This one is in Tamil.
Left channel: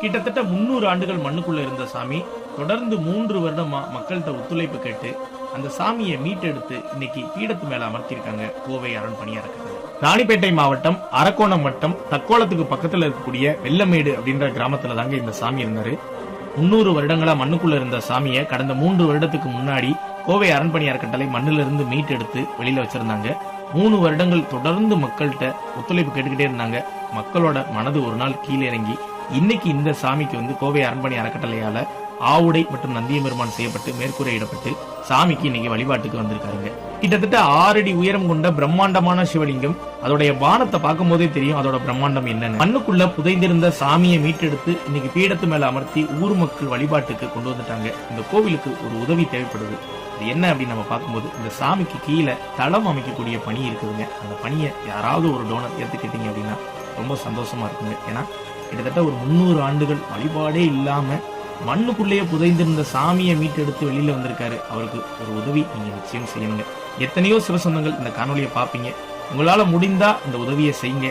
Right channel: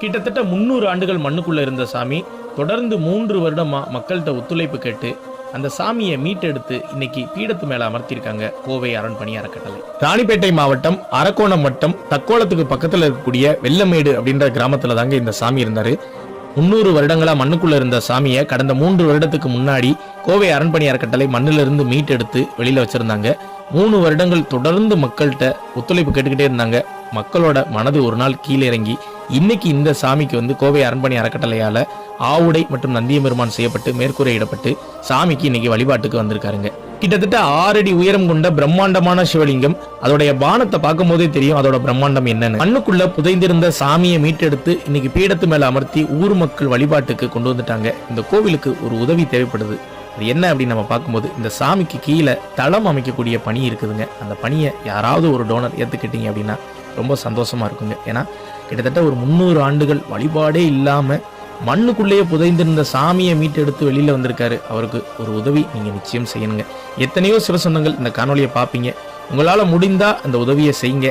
கிட்டத்தட்ட முந்நூறு ஆண்டுகள் மண்ணுக்குள்ள இருந்த சாமி தொடர்ந்து மூன்று வருடமா மக்கள்கிட்ட ஒத்துழைப்பு கேட்டு அந்த சாமியை மீட்டெடுத்து இன்னைக்கு பீடத்து மேல அமர்த்தியிருக்காங்க கோவை அரண்பணி அறக்கட்டளை. ராணிப்பேட்டை மாவட்டம் அரக்கோணம் வட்டம் தக்கோலத்துக்கு பக்கத்துல இருக்கக்கூடிய வெள்ளமேடு அப்படின்ற கிராமத்துல தாங்க இந்த சாமி இருந்தாரு. முன்னூறு வருடங்களா மண்ணுக்குள்ள இருந்த சாமியை கடந்த மூன்று வருடத்துக்கு முன்னாடி கோவை அரண்பணி அறக்கட்டளை மண்ணிலிருந்து இருந்து மீட்டெடுத்து வெளியில வச்சிருந்தாங்க. மூணு வருடங்கள் தொடர்ந்து மக்கள்கிட்ட ஒத்துழைப்பு கேட்டுக்கிட்டே இருந்தாங்க. மக்களோட மனது ஒரு நாள் கீழே இறங்கி இன்னைக்கு இந்த சாமிக்கு வந்து கோவை அரண்மனை அறக்கட்டளையால ஆவுடை மற்றும் நந்தியபெருமான் செய்யப்பட்டு மேற்கூரையிடப்பட்டு சாமிக்கு இன்னைக்கு வழிபாட்டுக்கு வந்திருக்காருங்க. கிட்டத்தட்ட ஆறு அடி உயரம் கொண்ட பிரம்மாண்டமான சிவலிங்கம். அதோடைய பானத்தை பார்க்கும் போதே தெரியும் அதோட பிரம்மாண்டம் என்னன்னு. மண்ணுக்குள்ள புதைந்திருந்த சாமியை மீட்டெடுத்து இன்னைக்கு பீடத்து மேல அமர்த்தி ஊர் மக்கள் வழிபாட்டுக்கு கொண்டு வந்துட்டாங்க. இந்த கோவிலுக்கு ஒரு உதவி தேவைப்படுது. அது என்ன அப்படின்னு நம்ம பார்க்கும்போது இந்த சாமிக்கு கீழே தளம் அமைக்கக்கூடிய பணி இருக்குதுங்க. அந்த பணியை யாராவது ஒரு டோனர் ஏற்றுக்கிட்டீங்க அப்படின்னா ரொம்ப சந்தோஷமா இருக்குங்க. ஏன்னா கிட்டத்தட்ட ஒரு முந்நூறு ஆண்டுகள் வழிபாடே இல்லாமல் மண்ணுக்குள்ளேயே புதைந்திருந்த சாமியை மீட்டெடுத்து வெளியில் வந்திருக்காரு. அவருக்கு ஒரு உதவி நீங்கள் நிச்சயம் செய்யணுங்க. எத்தனையோ சிவசொந்தங்கள் இந்த காணொலியை பார்ப்பீங்க. உங்களால் முடிந்தால் அந்த உதவியை செய்யுங்க.